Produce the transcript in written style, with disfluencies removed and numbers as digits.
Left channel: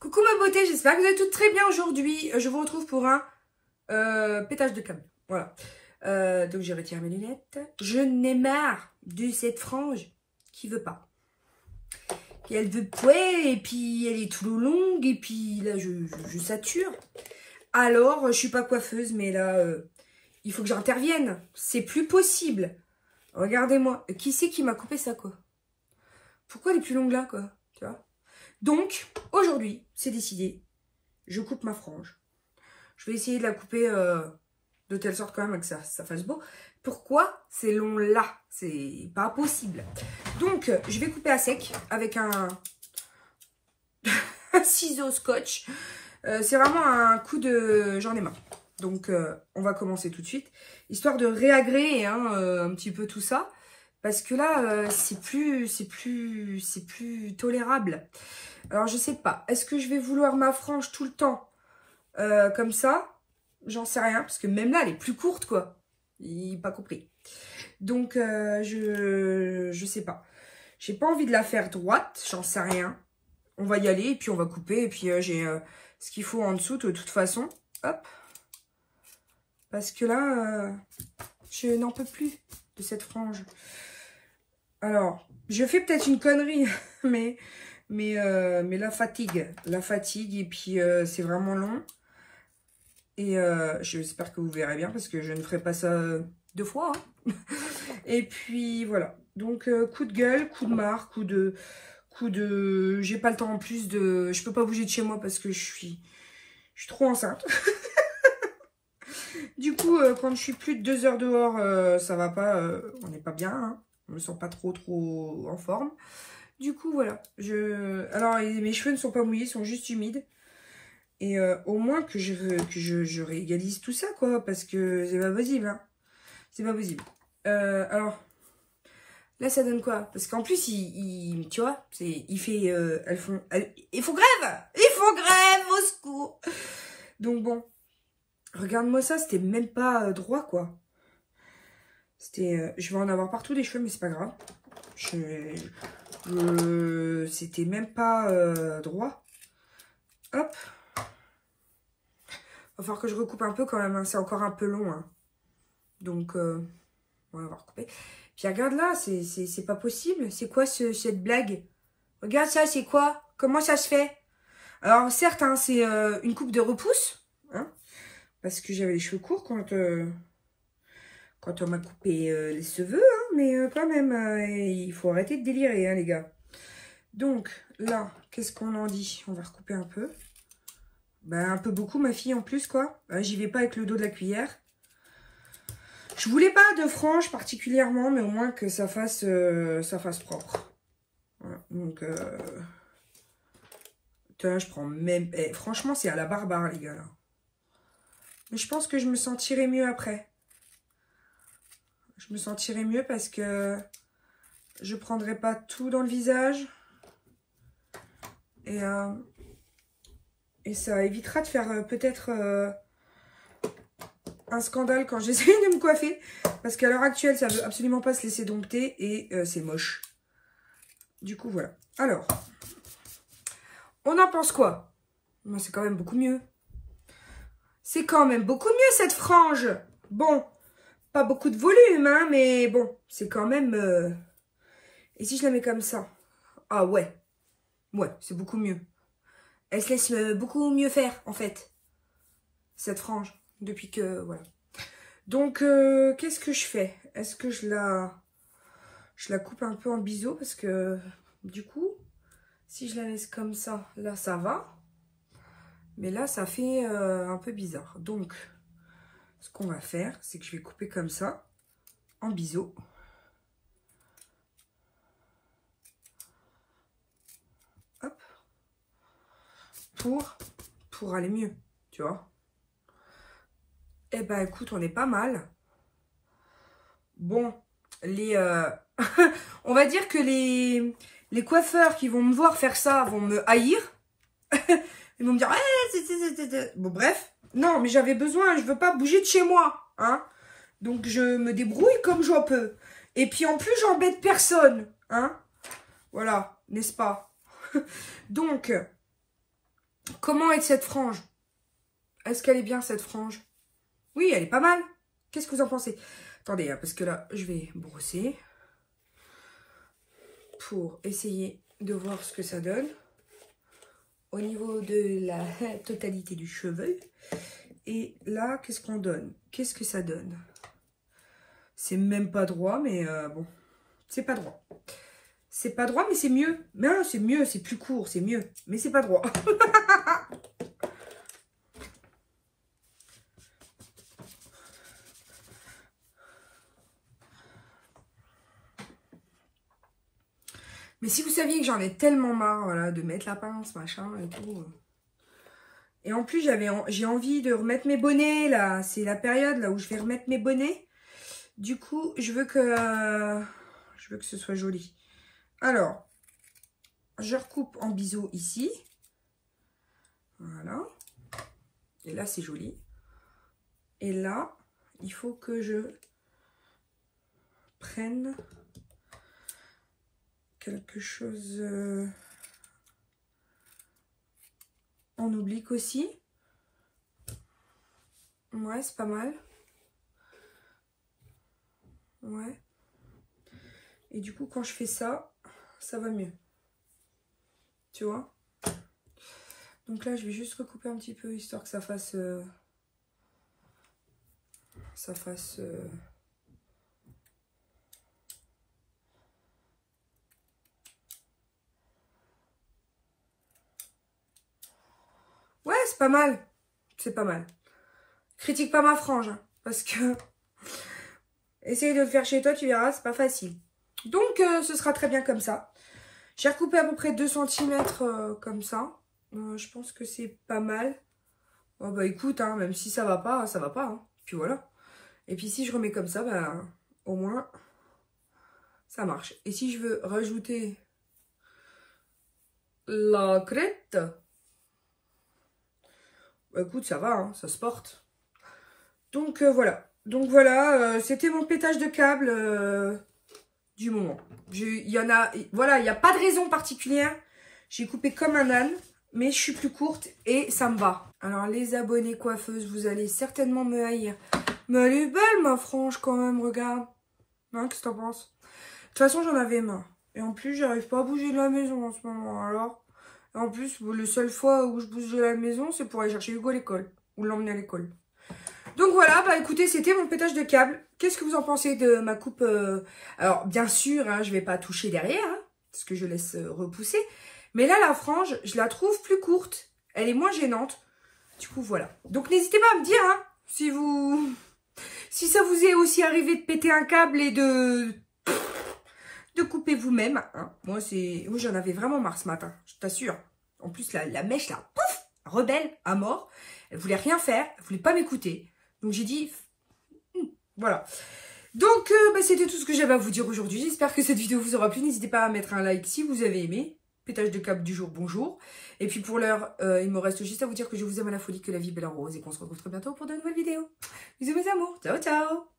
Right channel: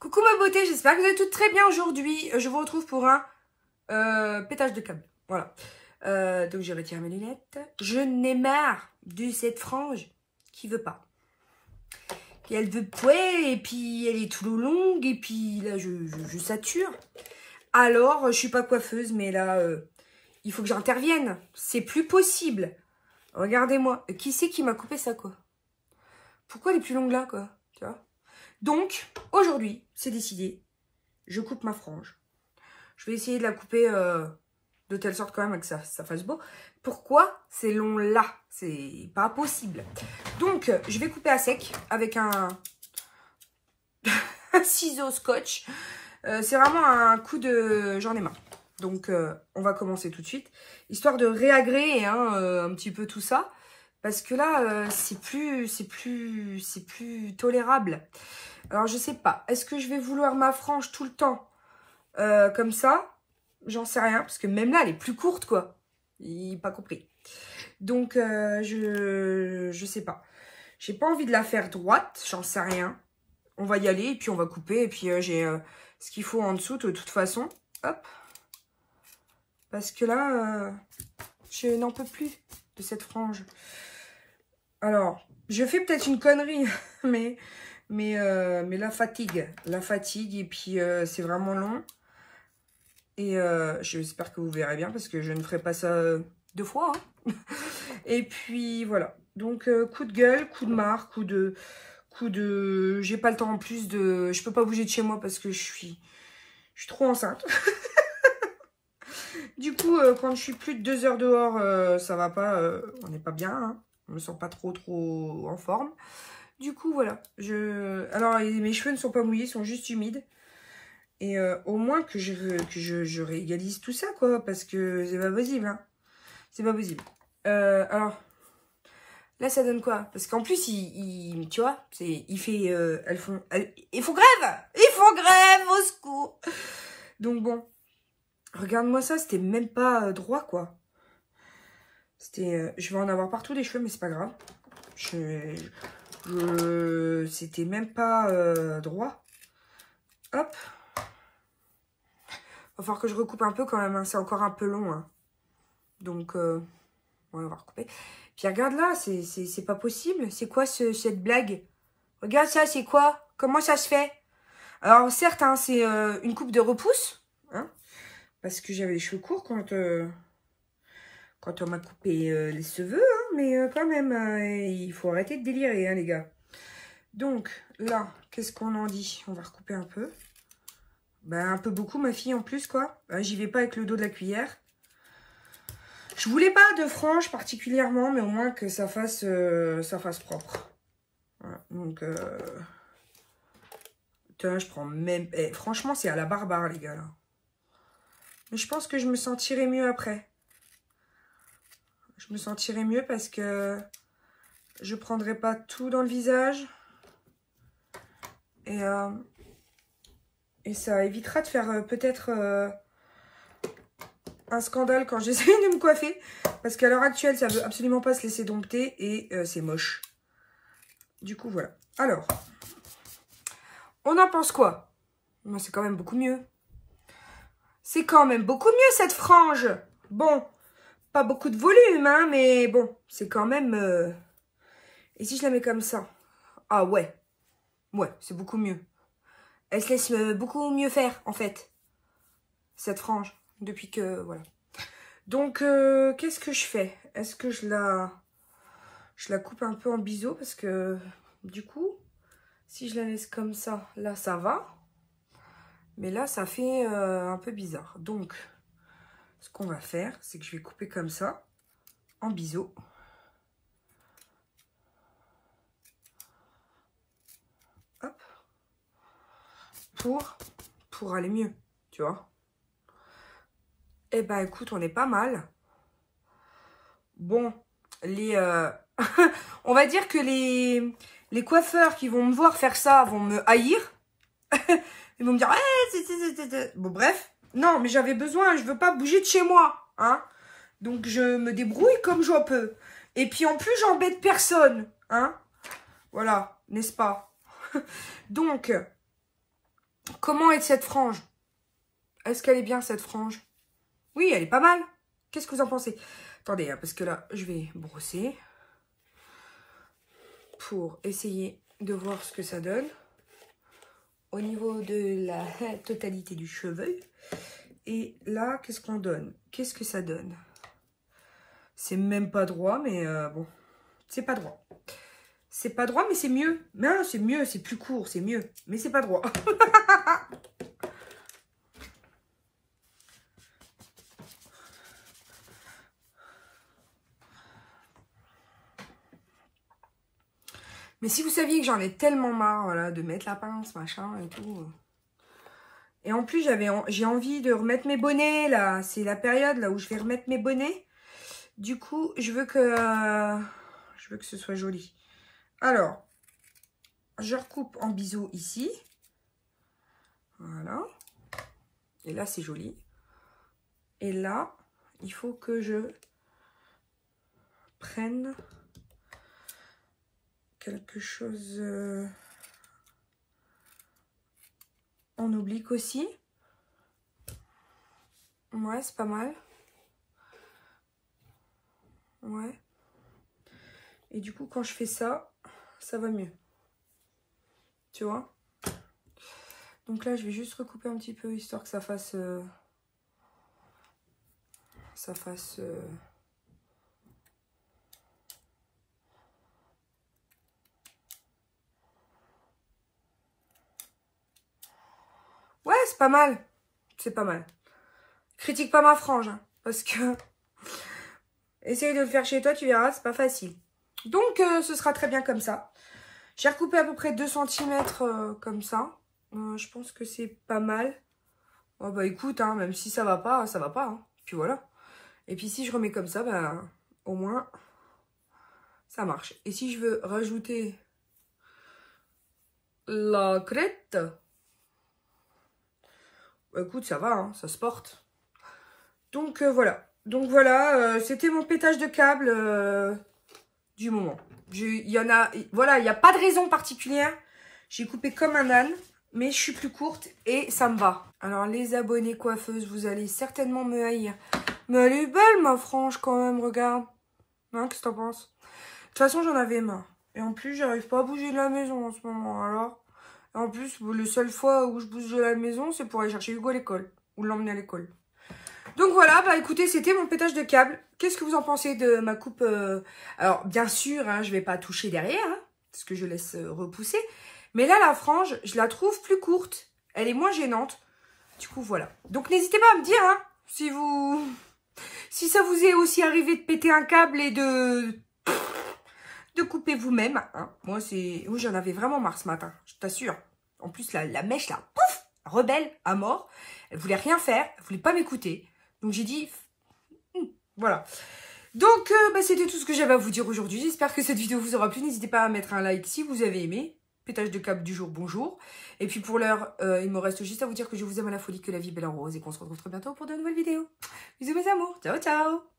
Coucou ma beauté, j'espère que vous allez toutes très bien aujourd'hui. Je vous retrouve pour un pétage de câble. Voilà. Donc je retire mes lunettes. Je n'ai marre de cette frange qui veut pas. Et elle veut pouet, et puis elle est trop longue, et puis là je sature. Alors, je suis pas coiffeuse, mais là, il faut que j'intervienne. C'est plus possible. Regardez-moi. Qui c'est qui m'a coupé ça, quoi? Pourquoi elle est plus longue là, quoi? Tu vois? Donc, aujourd'hui, c'est décidé. Je coupe ma frange. Je vais essayer de la couper de telle sorte quand même que ça fasse beau. Pourquoi c'est long là? C'est pas possible. Donc, je vais couper à sec avec un ciseau scotch. C'est vraiment un coup de... J'en ai marre. Donc, on va commencer tout de suite. Histoire de réagréer un petit peu tout ça. Parce que là, c'est plus tolérable. Alors, je sais pas. Est-ce que je vais vouloir ma frange tout le temps comme ça? J'en sais rien. Parce que même là, elle est plus courte, quoi. Pas compris. Donc, je sais pas. J'ai pas envie de la faire droite. J'en sais rien. On va y aller et puis on va couper. Et puis, j'ai ce qu'il faut en dessous de toute façon. Hop. Parce que là, je n'en peux plus de cette frange. Alors, je fais peut-être une connerie, mais la fatigue, et puis c'est vraiment long. Et j'espère que vous verrez bien, parce que je ne ferai pas ça deux fois. Hein. Et puis, voilà. Donc, coup de gueule, coup de marre, coup de... J'ai pas le temps en plus de... Je peux pas bouger de chez moi parce que je suis trop enceinte. Du coup, quand je suis plus de 2 heures dehors, ça va pas, on n'est pas bien, hein. Je me sens pas trop en forme. Du coup, voilà. Alors, mes cheveux ne sont pas mouillés, ils sont juste humides. Et au moins que je réégalise tout ça, quoi, parce que c'est pas possible, hein. C'est pas possible. Alors, là, ça donne quoi? Parce qu'en plus, tu vois, il fait, ils font grève! Ils font grève, au secours! Donc bon. Regarde-moi ça, c'était même pas droit, quoi. C'était... je vais en avoir partout des cheveux, mais c'est pas grave. C'était même pas droit. Hop. Va falloir que je recoupe un peu quand même. Hein. C'est encore un peu long. Hein. Donc, on va recouper. Puis regarde là, c'est pas possible. C'est quoi cette blague? Regarde ça, c'est quoi? Comment ça se fait? Alors, certes, hein, c'est une coupe de repousse. Hein. Parce que j'avais les cheveux courts quand on m'a coupé les cheveux, hein, mais quand même, il faut arrêter de délirer, hein, les gars. Donc, là, qu'est-ce qu'on en dit? On va recouper un peu. Ben, un peu beaucoup, ma fille, en plus, quoi. J'y vais pas avec le dos de la cuillère. Je voulais pas de frange particulièrement, mais au moins que ça fasse propre. Voilà, donc, putain, je prends même... franchement, c'est à la barbare, les gars, là. Mais je pense que je me sentirai mieux après. Je me sentirai mieux parce que je ne prendrai pas tout dans le visage. Et ça évitera de faire peut-être un scandale quand j'essaie de me coiffer. Parce qu'à l'heure actuelle, ça ne veut absolument pas se laisser dompter et c'est moche. Du coup, voilà. Alors, on en pense quoi? Bon, c'est quand même beaucoup mieux. C'est quand même beaucoup mieux cette frange. Bon. Pas beaucoup de volume, hein, mais bon, c'est quand même... Et si je la mets comme ça? Ah ouais. Ouais, c'est beaucoup mieux. Elle se laisse beaucoup mieux faire, en fait. Cette frange. Depuis que... Voilà. Donc, qu'est-ce que je fais? Est-ce que je la coupe un peu en biseau? Parce que, du coup, si je la laisse comme ça, là, ça va. Mais là, ça fait un peu bizarre. Donc... Ce qu'on va faire, c'est que je vais couper comme ça, en biseau. Hop. Pour aller mieux, tu vois. Eh ben, écoute, on est pas mal. Bon, on va dire que les coiffeurs qui vont me voir faire ça vont me haïr. Ils vont me dire, hey, bon, bref. Non, mais j'avais besoin, je veux pas bouger de chez moi, hein. Donc, je me débrouille comme j'en peux. Et puis, en plus, j'embête personne, hein. Voilà, n'est-ce pas? Donc, Comment est cette frange? Est-ce qu'elle est bien, cette frange? Oui, elle est pas mal. Qu'est-ce que vous en pensez? Attendez, hein, parce que là, je vais brosser pour essayer de voir ce que ça donne au niveau de la totalité du cheveu. Et là, qu'est-ce qu'on donne? Qu'est-ce que ça donne? C'est même pas droit, mais bon, c'est pas droit. C'est pas droit, mais c'est mieux. Non, c'est mieux, c'est plus court, c'est mieux. Mais c'est pas droit. Mais si vous saviez que j'en ai tellement marre, voilà, de mettre la pince, machin et tout. Et en plus, j'ai envie de remettre mes bonnets, là. C'est la période, là, où je vais remettre mes bonnets. Du coup, je veux que ce soit joli. Alors, je recoupe en biseau ici. Voilà. Et là, c'est joli. Et là, il faut que je prenne quelque chose en oblique aussi. Ouais, c'est pas mal. Ouais. Et du coup, quand je fais ça, ça va mieux. Tu vois? Donc là, je vais juste recouper un petit peu, histoire que ça fasse... Ouais, c'est pas mal. C'est pas mal. Critique pas ma frange, hein, parce que... Essaye de le faire chez toi, tu verras, c'est pas facile. Donc, ce sera très bien comme ça. J'ai recoupé à peu près 2 cm comme ça. Je pense que c'est pas mal. Oh bah écoute, hein, même si ça va pas, ça va pas. Hein. Puis voilà. Et puis si je remets comme ça, ben, au moins, ça marche. Et si je veux rajouter la crête, bah écoute, ça va, hein, ça se porte. Donc voilà. Donc voilà, c'était mon pétage de câble du moment. Il y en a, voilà, il n'y a pas de raison particulière. J'ai coupé comme un âne, mais je suis plus courte et ça me va. Alors les abonnés coiffeuses, vous allez certainement me haïr. Mais elle est belle ma frange quand même, regarde. Hein, qu'est-ce que t'en penses? De toute façon, j'en avais marre. Et en plus, j'arrive pas à bouger de la maison en ce moment. Alors, en plus, la seule fois où je bouge de la maison, c'est pour aller chercher Hugo à l'école. Ou l'emmener à l'école. Donc voilà, bah écoutez, c'était mon pétage de câble. Qu'est-ce que vous en pensez de ma coupe Alors, bien sûr, hein, je vais pas toucher derrière, hein, parce que je laisse repousser. Mais là, la frange, je la trouve plus courte. Elle est moins gênante. Du coup, voilà. Donc, n'hésitez pas à me dire, hein, si ça vous est aussi arrivé de péter un câble et de couper vous-même. Hein. Moi, j'en avais vraiment marre ce matin, je t'assure. En plus, la mèche, là, pouf, rebelle à mort. Elle voulait rien faire, elle voulait pas m'écouter. Donc, j'ai dit, voilà. Donc, bah, c'était tout ce que j'avais à vous dire aujourd'hui. J'espère que cette vidéo vous aura plu. N'hésitez pas à mettre un like si vous avez aimé. Pétage de câble du jour, bonjour. Et puis, pour l'heure, il me reste juste à vous dire que je vous aime à la folie, que la vie est belle en rose et qu'on se retrouve très bientôt pour de nouvelles vidéos. Bisous, mes amours. Ciao, ciao.